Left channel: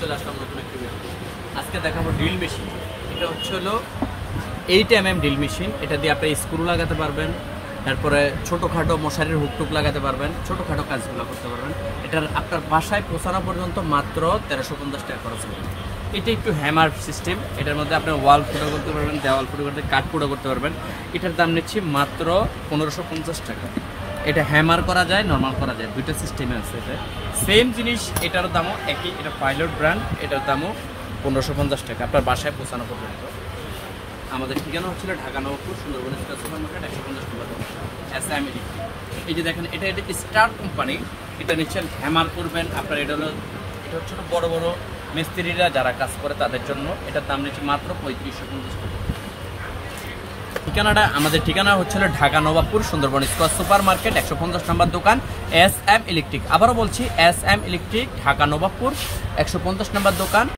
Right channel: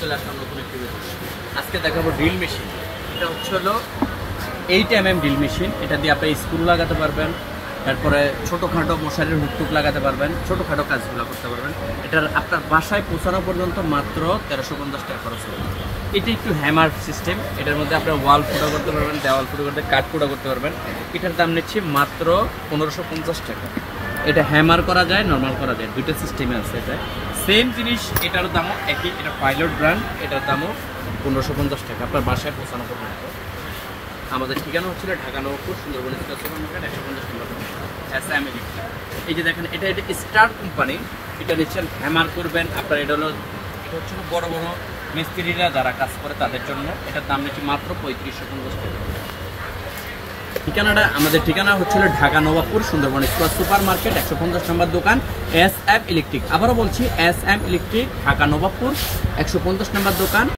চলে আসলাম নতুন একটি ভিডিও। আজকে দেখাবো ড্রিল মেশিন। এটা হচ্ছে হলো 8 mm ড্রিল মেশিন। এটা দিয়ে আপনি স্ক্রু লাগাতে পারবেন, তারপরে ছোটোখাটো মশারির হুকটুক লাগাতে পারবেন, ছোটোখাটো কাজগুলো করতে পারবেন। এটার আপনার বাসায় পৌঁছানো পর্যন্ত মাত্র 1350 টাকা খরচ হবে। এটা একটু হ্যামার সিস্টেম। এটার মধ্যে আপনি ওয়াল ফুটো করতে পারবেন, দেওয়াল ফুটো করতে, কাঠ ফুটো করতে পারবেন। এটার দাম নিচ্ছি মাত্র 1550 টাকা। এটা হ্যামার করা যায়, নর্মাল করা যায়, দুটো সিস্টেমে আছে। এটা সেম জিনিস, এটার দামও একই। এটা পাইলট ব্র্যান্ড, এটার দামও 1550 টাকা আপনার বাসায় পৌঁছানো পর্যন্ত। আমাদের ঠিকানা হচ্ছিল Dhaka Nabapur, Sundarban station, 150 kilometre. SM electric. এই যে দেখেন, এটা স্টার কোম্পানি। এটা নিশ্চয় হ্যামার করবেন আপনার। এটা হচ্ছে বড় বড় মিস্ত্রিরা যারা কাজ করে তাদের জন্য। এটার দাম নিচ্ছি মাত্র 3550 টাকা। ঠিকানাটা, আমাদের ঠিকানা হচ্ছিল ঢাকা নবাবপুর, সুন্দরবন সুপার মার্কেট, 150 নম্বর দোকান, SM ইলেকট্রিক। আবারও বলছি, SM ইলেকট্রিক, ঢাকা নবাবপুর, 150 নম্বর দোকান।